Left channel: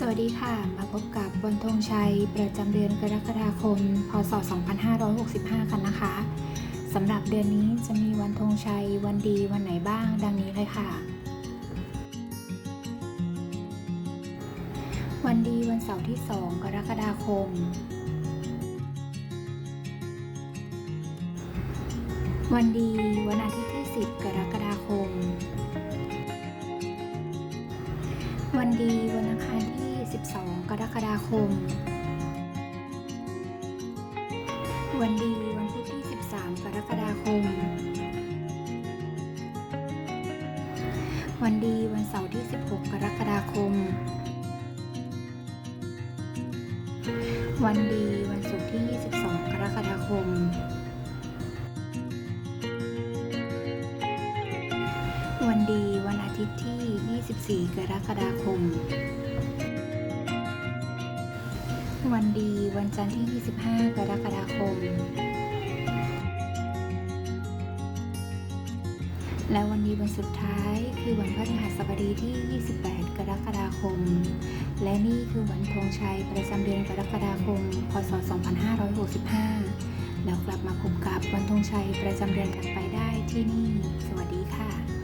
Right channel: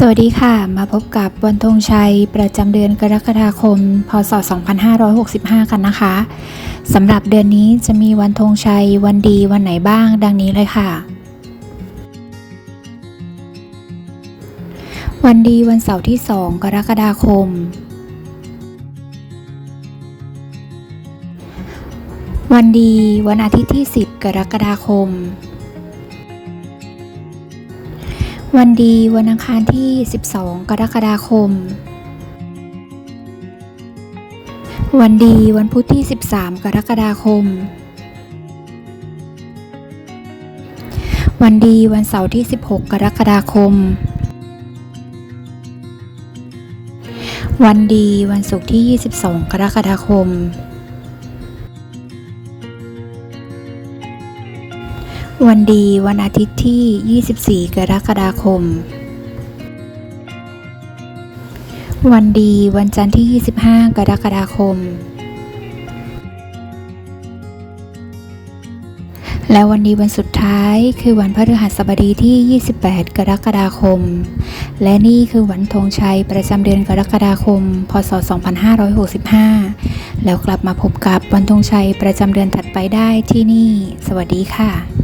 สวัสดีค่ะ มาพบกับวันธงชัย ประจำเดือนกรกฎาคม พศ 2565 กันนะคะสำหรับเดือนนี้จะมีวันธงชัย วันดีวันไหนบ้าง ดังนี้เลยค่ะ วันดีวันเสาร์ที่ 2 กรกฎาคม วันดีวันอาทิตย์ที่ 10 กรกฎาคม วันดีวันอังคารที่ 12 กรกฎาคม วันดีวันพุธที่ 13 กรกฎาคม วันดีวันเสาร์ที่ 16 กรกฎาคม วันดีวันศุกร์ที่ 22 กรกฎาคม วันดีวันอาทิตย์ที่ 24 กรกฎาคม วันดีวันจันทร์ที่ 25 กรกฎาคม และวันดีวันสุดท้ายคือวันพฤหัสบดีที่ 28 กรกฎาคม และนี่คือวันธงชัยประจำเดือนกรกฎาคม พศ 2565 แล้วกลับมาพบกับวันธงชัยประจำเดือนถัดไปได้ที่นี่ สวัสดีค่ะ